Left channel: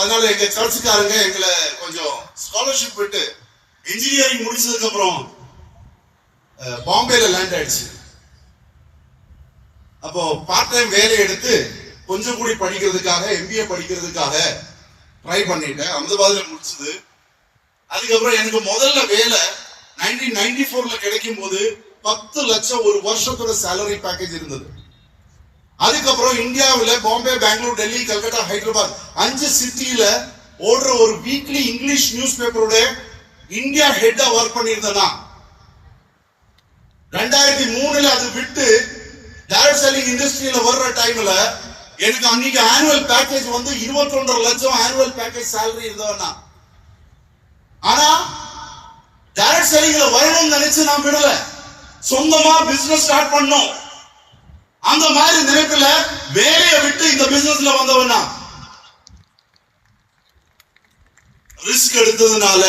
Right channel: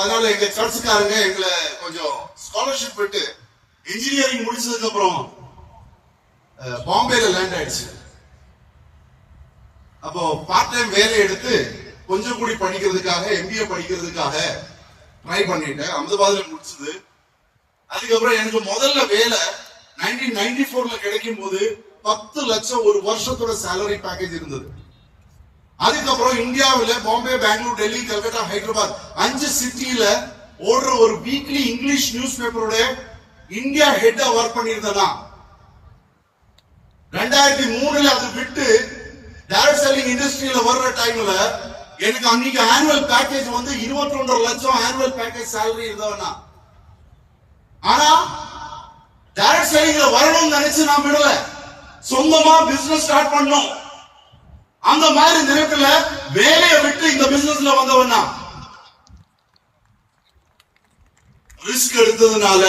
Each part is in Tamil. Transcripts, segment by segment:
அதனால எங்க சர்ச்சுக்காரங்க எங்களை கொஞ்சம் ஸ்காலர்ஷிப் விட்டு இன்ஜினியரிங் முடிச்சதுக்கு அப்புறம் பாம்பேல லேண்ட் ஆயிடுச்சு. அப்போ பார்ட் டைம் வேலை எடுத்து கொஞ்சம் கூடி படிக்கிறதுக்காக MBA படிக்கிறதுக்காக ட்ரை பண்ணிட்டேன். அஹமதாபாத்ல முடிச்சது. அதுக்கப்புறம் எனக்கு முதல்ல வேலை 1994ல கிடைக்கும் போது 10 லட்சம் ஒரு வருஷத்தோட சேலரி பேக்கேஜ் இருந்தது. அதுக்கப்புறம் இந்தியாவில் பாம்பே, பெங்களூர், டெல்லி, கல்கட்டா, ஹைதராபாத் 5 சிட்டியில ஓடுற ஒரு வீக்லி இங்கிலீஷ் நியூஸ் பேப்பரோட இந்தியா ஹெட்டா ஒர்க் பண்ணியிருந்தேனா. 2003ல அது விட்டு டைரக்ட் செல்லிங் இண்டஸ்ட்ரியில வர்ற டைம்ல எனக்கு அன்னைக்கு ஆனுவல் பேக்கேஜ் வந்து 21 லட்சம் ஆனுவல் பேக்கேஜ் சேலரி இருந்தவனா. ஆனா டைரக்ட் செல்லிங்ல வரணும்னு நினைச்சு நான் விடல, சொந்தமா பிசினஸ் ஸ்டார்ட் பண்ணோம். அந்த மாதிரி நினைப்புல வேலையை விட்டு இந்த பிசினஸ்ல வந்தவனா. ரிஸ்க் எடுத்ததுனால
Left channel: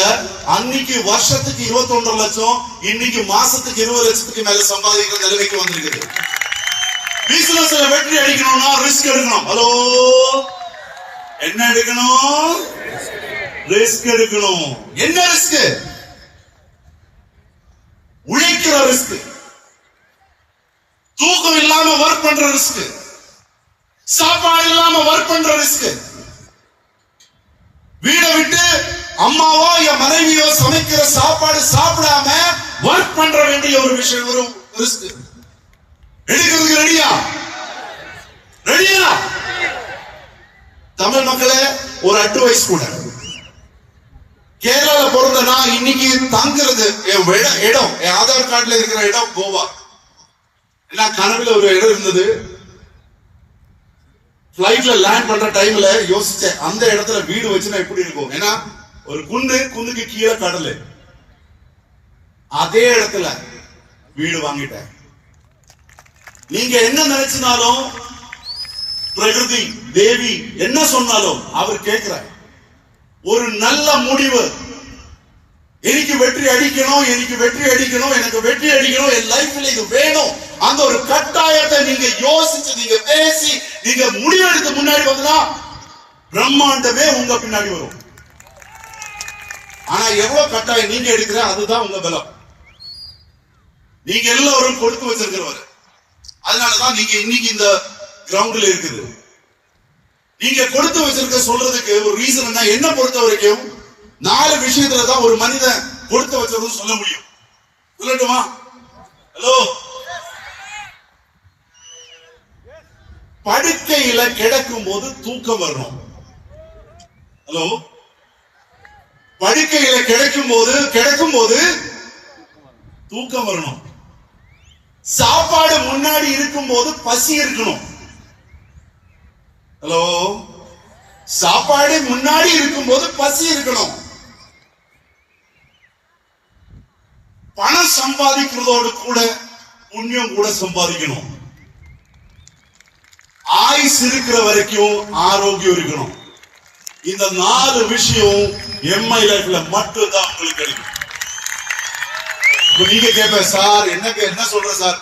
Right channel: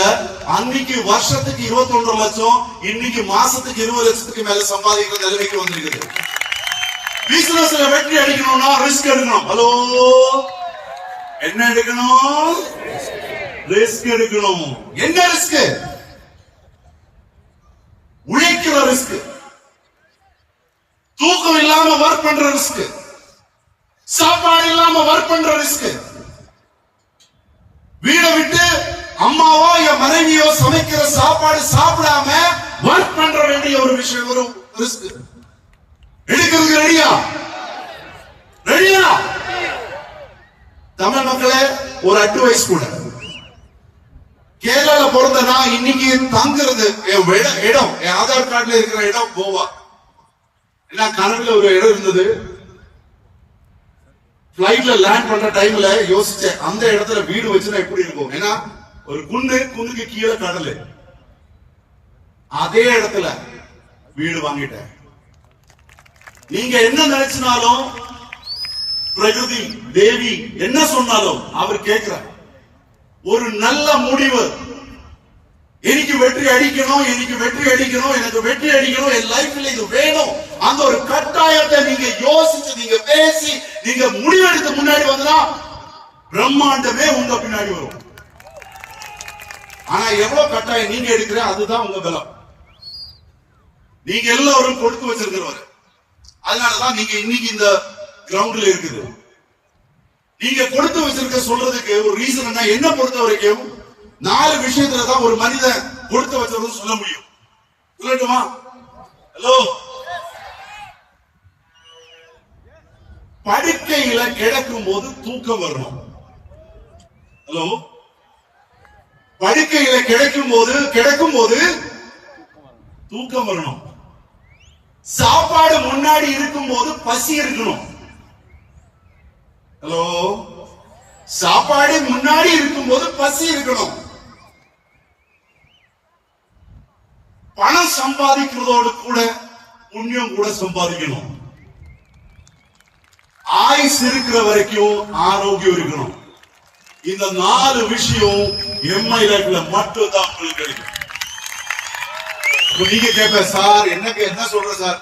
அன்னைக்கு வருஷத்துக்கு 21 லட்சம், இன்னைக்கு மாசத்துக்கு 20 லட்சத்துக்கு மேல சம்பாதிக்கிற நிலைமைக்கு வந்திருக்குது. பிசினஸ்ல வெற்றி அடிக்கணும்னா ரிஸ்க் எடுக்கணும். ஹலோ, என்ன எடுக்கணும்? ரிஸ்க் எடுக்கணும். என்ன ரிஸ்க்? உழைக்கிற ரிஸ்க், தூக்கம் இல்லாம ஒர்க் பண்ற ரிஸ்க், சாப்பாடு இல்லாம ஒர்க் பண்ற ரிஸ்க், வீடை விட்டு அம்மாவோ என் மனைவியோ சமைக்கிற சாப்பாடு சாப்பிடாம ஒர்க் பண்ற வேண்டிய ஒரு விஷயம், ஒரு ரிஸ்க். எடுக்கிறதுக்கு ரெடியா? ரெடியா? தமிழ் மக்களே, ஒரு அட்வைஸ் கூட. கேரளால பிறந்தனா இன்னைக்கு தங்குறது என் இடம், என் ஆதார் கார்டுல இருக்கிற இடம் கோவா. ஏன்னா கனவுல ஒரு இடம் இருந்தது. பிளைட்ல லேண்ட் பண்ற டைம்ல யோசிச்சேன், அந்த இடத்துல வீடு வச்சுனா எப்படி இருக்கும். ஏன்னா ஒரு குன்னுக்கு கீழே கடல். அதே இடத்துல வீடு வாங்கிட்டேன். நீங்க என்ன நினைச்சினாலும் பிரகிருதி தேவி என்ன சொன்னாலும் அவர் கேட்கிற ஒரு நல்ல முடிவு. எனக்கு வெற்றி அடிக்கணும், எனக்கு வெற்றி அடிக்கணும், எனக்கு வெற்றி அடிக்கணும், என் லைஃப்ல இது வேணும். அந்த ஒரு கட்டாயத்தை நீங்க யோசிச்சு, நீங்க பேசி, நீங்க முடிவெடுத்து முன்னாடி வந்தா பிரம்மாண்டமே உங்க பின்னாடி வரும். ஆனா எவ்வளவு கட்டாயம் நீங்க எடுக்கிற அதுதான் உங்க பலம். நீங்க எல்லாரும் கொடுத்து வச்சிருக்கிறவர். அதனாலதான் நீங்க இன்னைக்கு இந்த கிரவுண்ட்ல இருக்குது. நீங்க கொடுத்து வச்சிருக்க சொல்றதுக்கு ஒரு ரீசன் என்ன பொறுத்த வரைக்கும் 4 விஷயத்துலதான் ஒரு மனிதன் கொடுத்து வச்சதுன்னு சொல்ல முடியும். சொல்லட்டுமா? ஹலோ, படுக்கையில கிடக்கும் போது தூக்கம் வரணும். ஹலோ, படுக்கையில கிடக்கும் போது தூக்கம் வரணும். சாப்பாடு முன்னாடி இருக்கும் போது பசி இருக்கணும். ஹலோ, சாப்பாடு முன்னாடி இருக்கும் போது பசி இருக்கணும். பணம் சம்பாதிக்கிறதோடு கூட புண்ணியம் கூட சம்பாதிக்கணும். ஆயுஸ் இருக்கிற வரைக்கும் ஆரோக்கியம் இருக்கணும். இந்த 4 விஷயம் எம்ஐ லைஃப்ல மட்டும் தான் உங்களுக்கு கிடைக்கும். நீங்க கேட்ப சார் என்ன சொல்ற சார்?